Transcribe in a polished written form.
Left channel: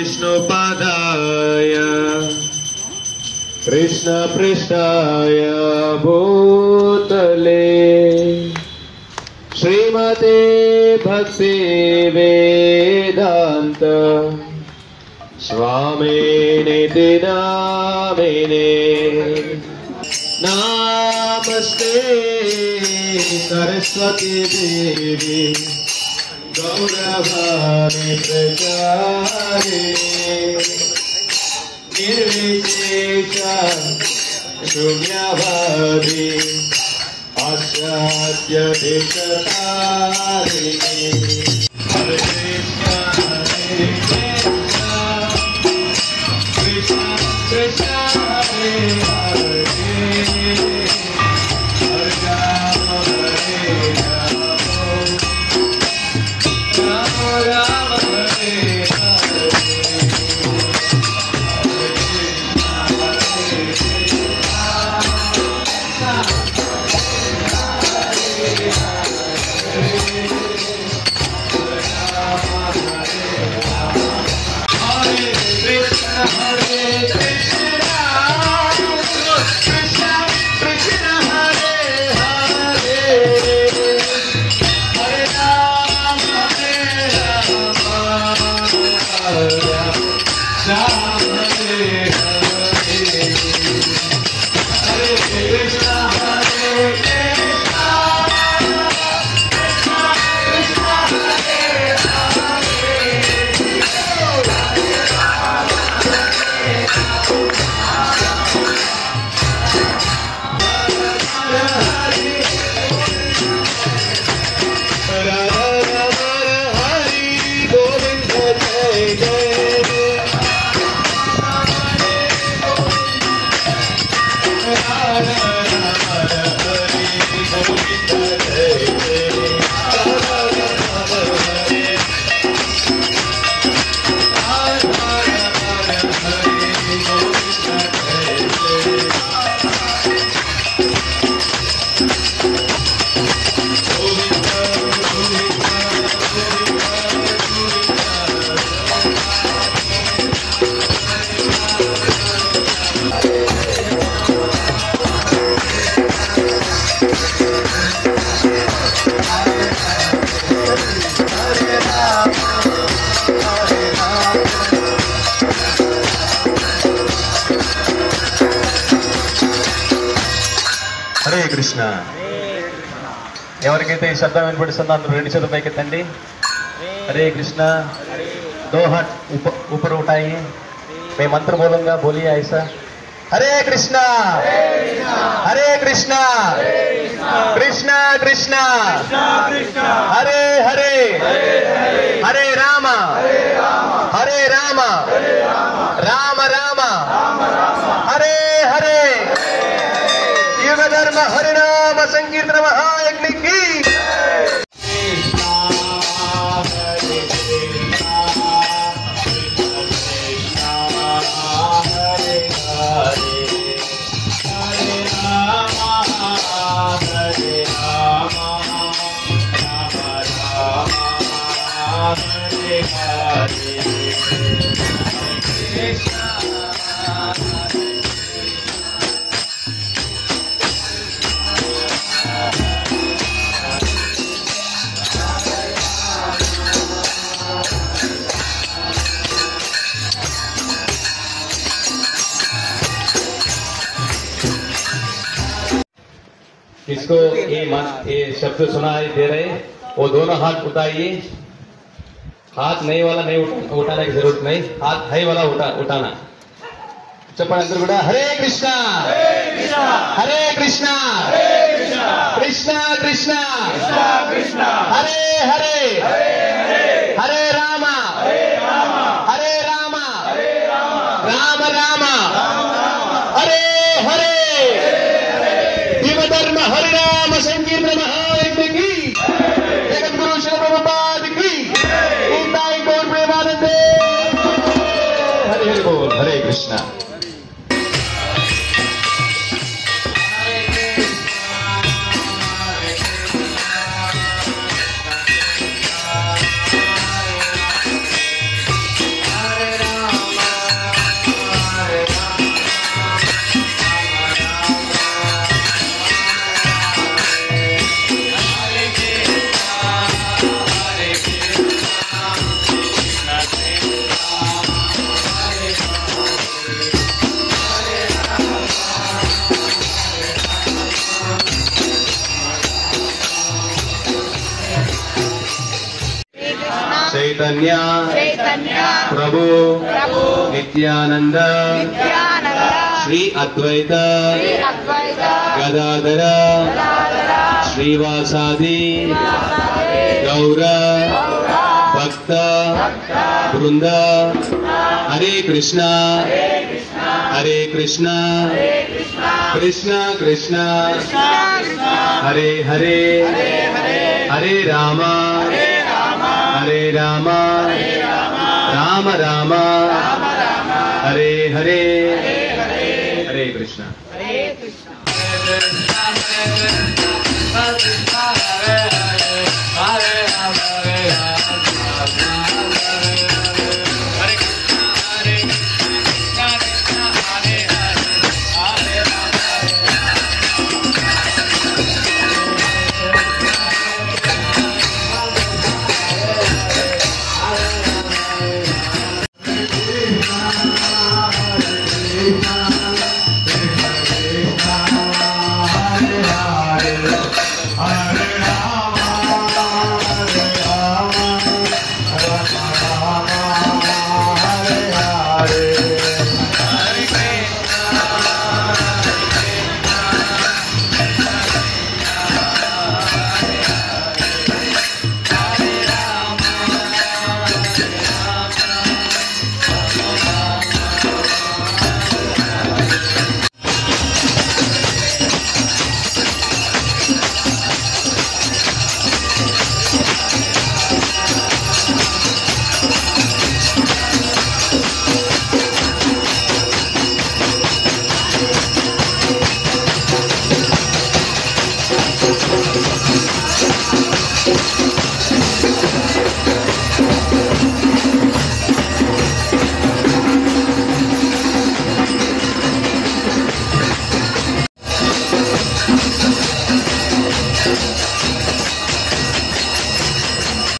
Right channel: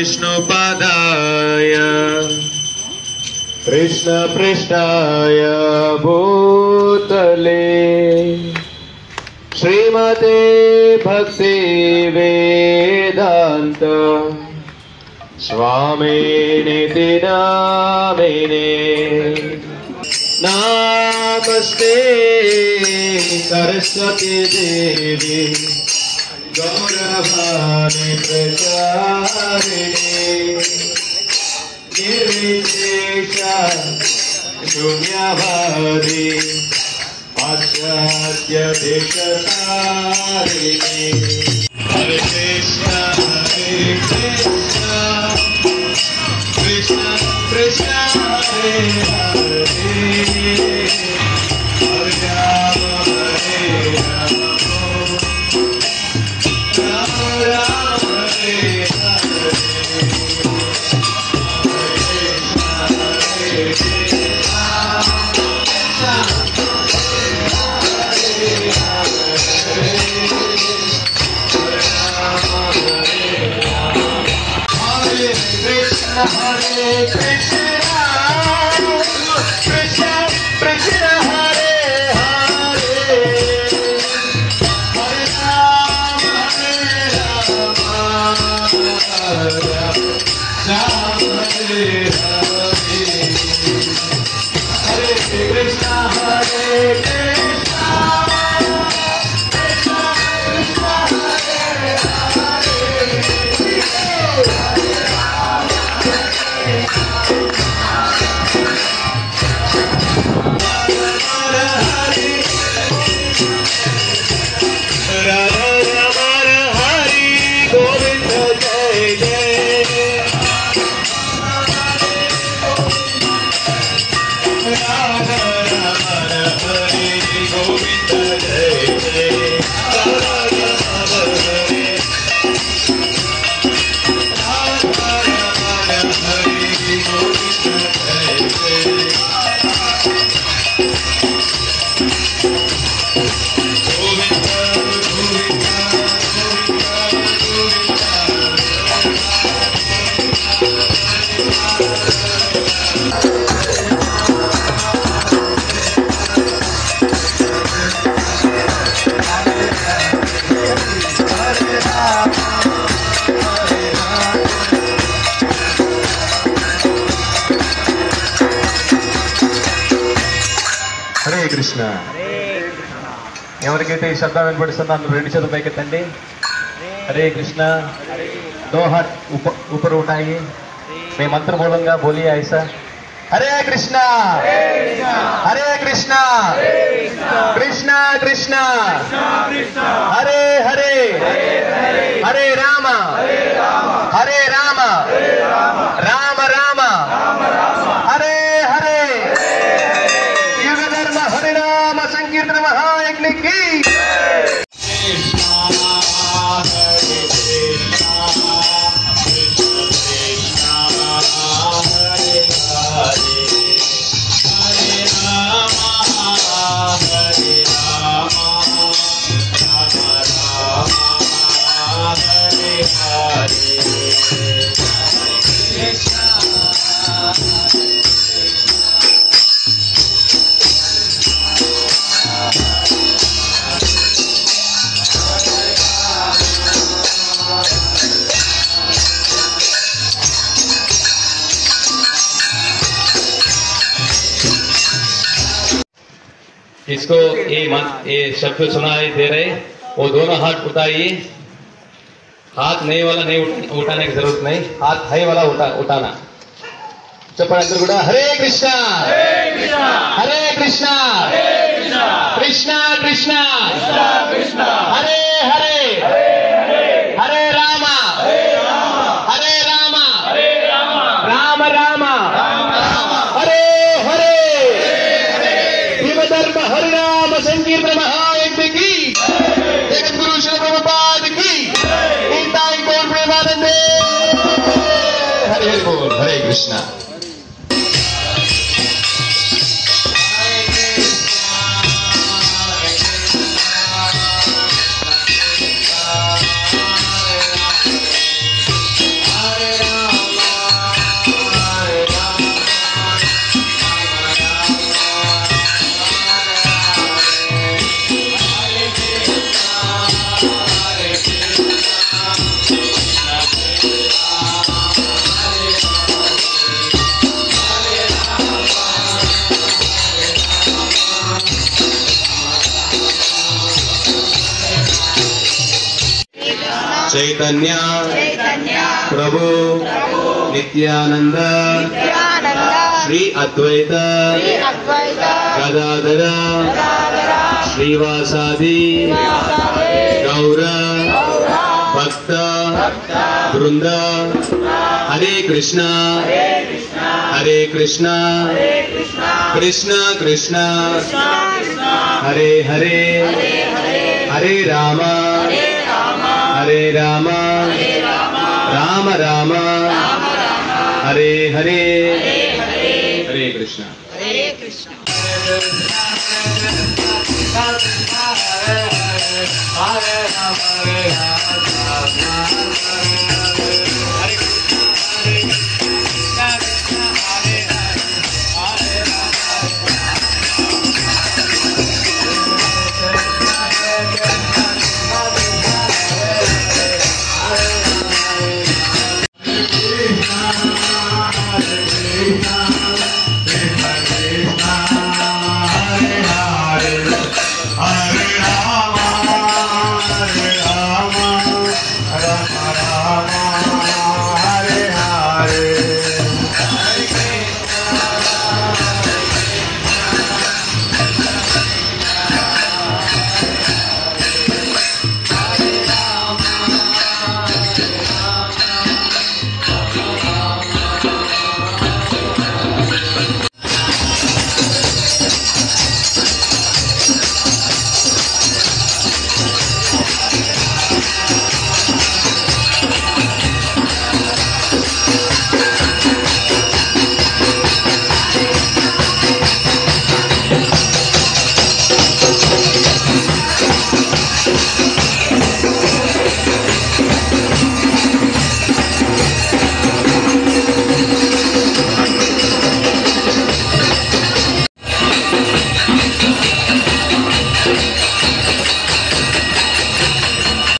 विष्णुपादाय कृष्णपृष्ठाय भूतले श्रीमते भक्ति वेदांत स्वामिनिति नामिने नमस्ते सरस्वती देवी गौरवाणी प्रचारिणे निर्विशेषा शून्यवादी आचार्य देशतारिणे हरे कृष्ण कृष्ण कृष्ण हरे हरे हरे राम राम राम हरे కృష్ణ. ఎవరికైతే ఈ శబ్దం వినపడుతుందో అందరూ రెండు చేతులు పైకెత్తండి. हरे कृष्णा. दो हाथ ऊपर उठाइए. मैं मंत्र बोलूंगा, बोलिए ऐसा. हरे कृष्णा हरे कृष्णा कृष्णा कृष्णा हरे हरे हरे राम राम राम हरे हरे. युग धर्म हरिनाम संकीर्तन महायज्ञ की. इसको ये शब्द सुनाई दे रहे, वो दोनों हाथ उठाइए. हाथ नहीं वाला नहीं उठाने की जरूरत नहीं, हाथ है वाला उठाना. चप्पल अंदर गुड़ा. हरे कृष्णा हरे कृष्णा कृष्णा कृष्णा हरे हरे हरे राम राम राम हरे हरे. युग धर्म हरिनाम संकीर्तन महायज्ञ की. जगत गुरु श्री प्रभुपाद की. हरे बोल. हरे कृष्णा. हरे राम चैतन्य प्रभु नित्यानंद श्री अद्वैत गदाधर श्रीवासादि गौर भक्त वृंद हरे कृष्णा कृष्ण कृष्ण हरे हरे हरे राम राम राम हरे हरे हरे कृष्णा।